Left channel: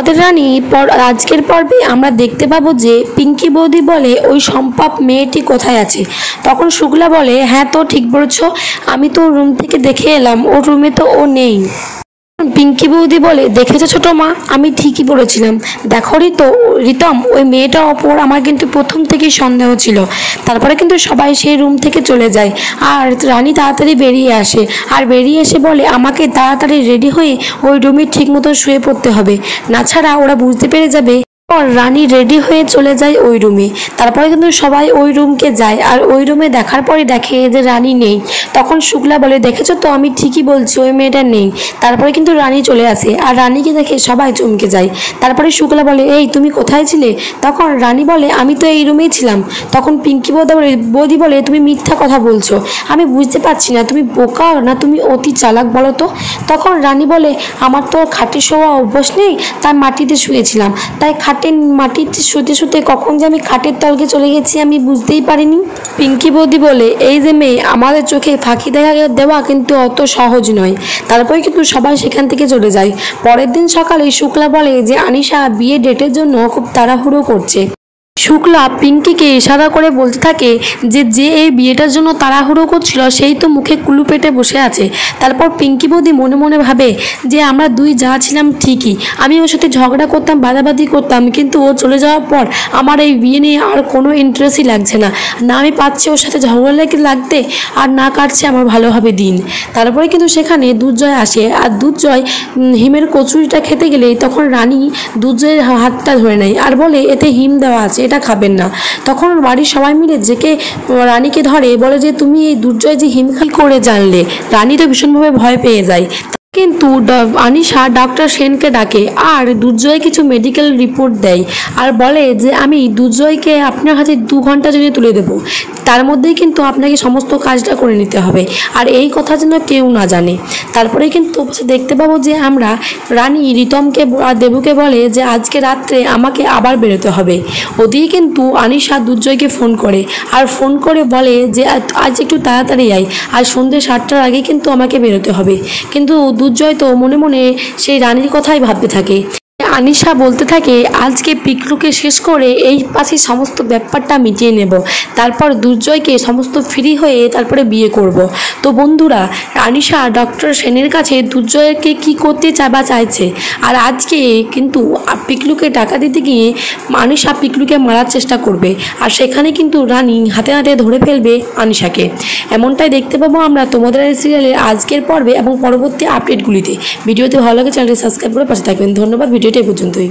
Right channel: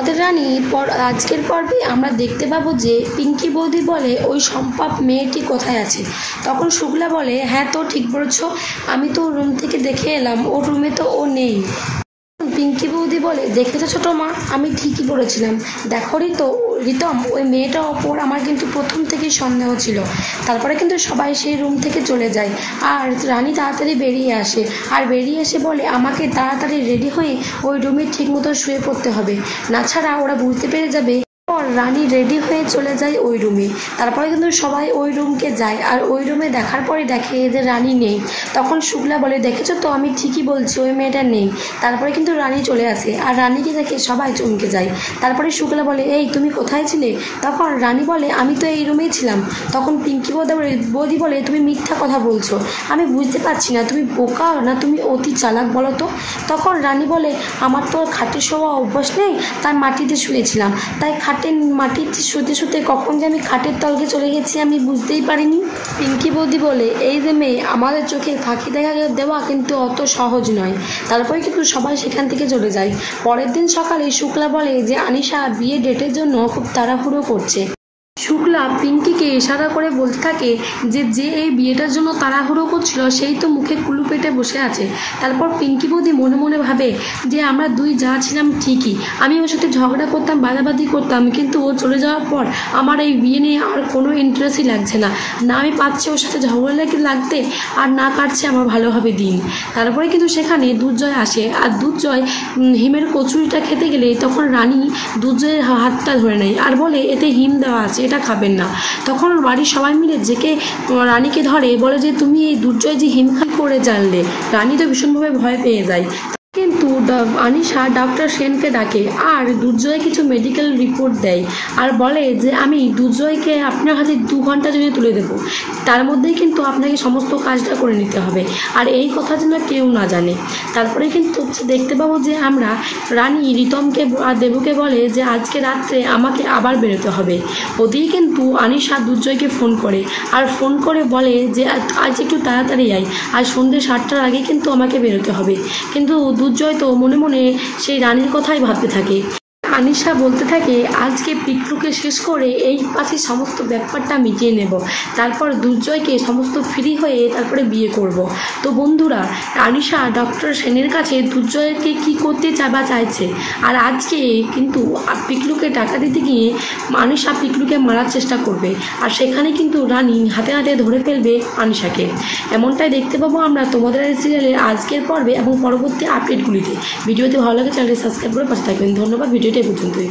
আমাদের রানী আজকের পর্বে আমরা দেখতে পাবো যে পিঙ্কি বৌদি বলে ওই সম্পাপ মেয়েটি কোথায় আছে। তখন শুক্লা বলে, হ্যাঁ তো ঠিক বলেছো, আমি তো রুম থেকে দেখে এলাম, ওর রুমে তো ও নেই। পিঙ্কি বৌদি বলে, দেখেছো ছোট মা, আমি ঠিকই বলেছিলাম। দেখো রিতম, ওই মেয়েটার ওপর আমার কিন্তু প্রথম থেকেই সন্দেহ ছিল। তারপরে কিন্তু সবাই সেই রুম থেকে চলে যায় আর রানী তাড়াতাড়ি বেরিয়ে আসে আর বেরিয়ে এসে বলে, আমাকে তাড়াতাড়ি রেডি হয়ে ওই রুমে ঠিক মতো শুয়ে পড়তে হবে, না ছাড়া ওরা বুঝতে পেরে যাবে। রানী রেডি হয়ে চলে যায় ওই রুমে। তারপরে কিন্তু সবাই ওই রুমকে যায় আর ওই রুমে দেখার পরে দেখে যে রানী নেই। তখন শুক্লা বলে, দেখেছো তো, আমি ঠিকই বলছি, ওই মেয়েটা নেই। তারপরে কিন্তু রানী চলে আসে আর রানীকে দেখে সবাই চমকে যায়। তারপরে শুক্লা বলে, এই তুমি কোথায় ছিলে? তখন রানী বলে, আমি তো এই রুমেই ছিলাম। তখন পিঙ্কি বৌদি বলে, তুমি মিথ্যা কথা বলছো, আমি বুঝতে পারছি না তুমি বোকা না তুমি অতি চালাক, বলো তো। তখন রানী বলে, আমার তো খাটে শোয়া অভ্যাস নেই, তাই মাটিতে শুয়েছিলাম, তাই মাটিতে শুতে শুতে কখন যে আমি খাটের তলকে চলে গেছি আমি বুঝতেই পারিনি। পিঙ্কি বৌদি বলে, এই যে মেয়ে, আমাদের চোখে ফাঁকি দেওয়া কিন্তু অত সহজ নয়। তারপরে কিন্তু সবাই সেখান থেকে চলে যায়। পরের দিন সকালে শুক্লা বলে যে আনিশা বিয়ে ডেটের জন্য খুব তাড়াহুড়ো করছে। শুক্লা পিঙ্কিকে ইশারা করে বলতে থাকে যে এই বিয়েটার জন্য তাড়াহুড়ো করছিল সেই তো মুখে কুলু পেটে বসে আছে। তারপর পিঙ্কি বৌদি মনে মনে ভাবে যে আমরা দুই যা ছিলাম ঠিকই, আমি ওর সাথে ঝগড়া করতাম, বাদাবাদি করতাম, কিন্তু ও চলে যাওয়ার পর আমার এই বিয়ে নিয়ে আর কোনো ইন্টারেস্টই লাগছে না, না আমি পাচ্ছি ওর সাথে ঝগড়া লাগতে আর না কাটছে আমার ভালোভাবে দিন। তারপরে কিন্তু সেখানে দুর্জয় আসে আর দুর্জয় হিমের কচুরিটা খেতে গেলে তখন রানী দুর্জয়ের হাতটা ধরে নেয় আর বলে, এতে হিম দেওয়া আছে, এটা খাবেন না। তখন বাড়ির সবাই মিলে রানীকে ধরে, বলে যে তুমি এই দুর্জয় যে হিম করে জানলে। রানী তো ভীষণভাবে ভয় পেয়ে যায়। কিন্তু আনিশা ডক্টর সেনকে ডাকে আর দুর্জয় কিছু মেডিকেল রিপোর্ট দেয় আর বলে যে আমি দুর্জয়কে আপনার হাতে 2 ঘন্টা জন্য তুলে দেবো, তার মধ্যেই কিন্তু আপনাকে সমস্ত কাজটা করে নিতে হবে আর এই কথা যেন কেউ না জানে। তারপরে কিন্তু দেখতে পাবো যে আমরা রানী রিতমকে আর দেবুকে বলে যে আজকে রাত্রে আমাকে আবার বেরোতে হবে। ওদিকে কিন্তু আনিশা দুর্জয়কে ফোন করে আর ফোন করে বলে যে আজ একটু তাড়াতাড়ি আয়, আর সন্ধ্যে 7টার আগে কিন্তু আমাকে বেরোতে হবে। কিন্তু দুর্জয় তো মনে মনে সেই রানীর কথাই ভাবতে থাকে। আনিশা বলতে থাকে, আজকে পিকলুকে শেষ করে এই পাশে সমস্ত ব্যাপারটা মিটিয়ে নেব, তারপর দুর্জয়কে সমস্ত ফ্রি হয়ে তারপরে বিয়ে করব। তো বন্ধুরা, আনিশা ডক্টর সেনের কাছে দুর্জয়কে কি করতে চাইছে আর আজকে কিন্তু পিকলুকে টাকা দিতে গিয়ে আনিশা পিকলুকে মারার চেষ্টা করবে আর সেখানে কিন্তু রানী হাতে হাতে ধরে ফেলবে আনিশাকে। এমনটাই দেখতে পাবো আমরা তোমাদের এই সিরিয়ালের আজকের পর্বে এবং পরবর্তী আপডেটগুলিতে। ভিডিওতে ভালো লাগে চ্যানেলটি সাবস্ক্রাইব করে পাশে থাকবেন। ধন্যবাদ। ভিডিওটি পর্যন্তই।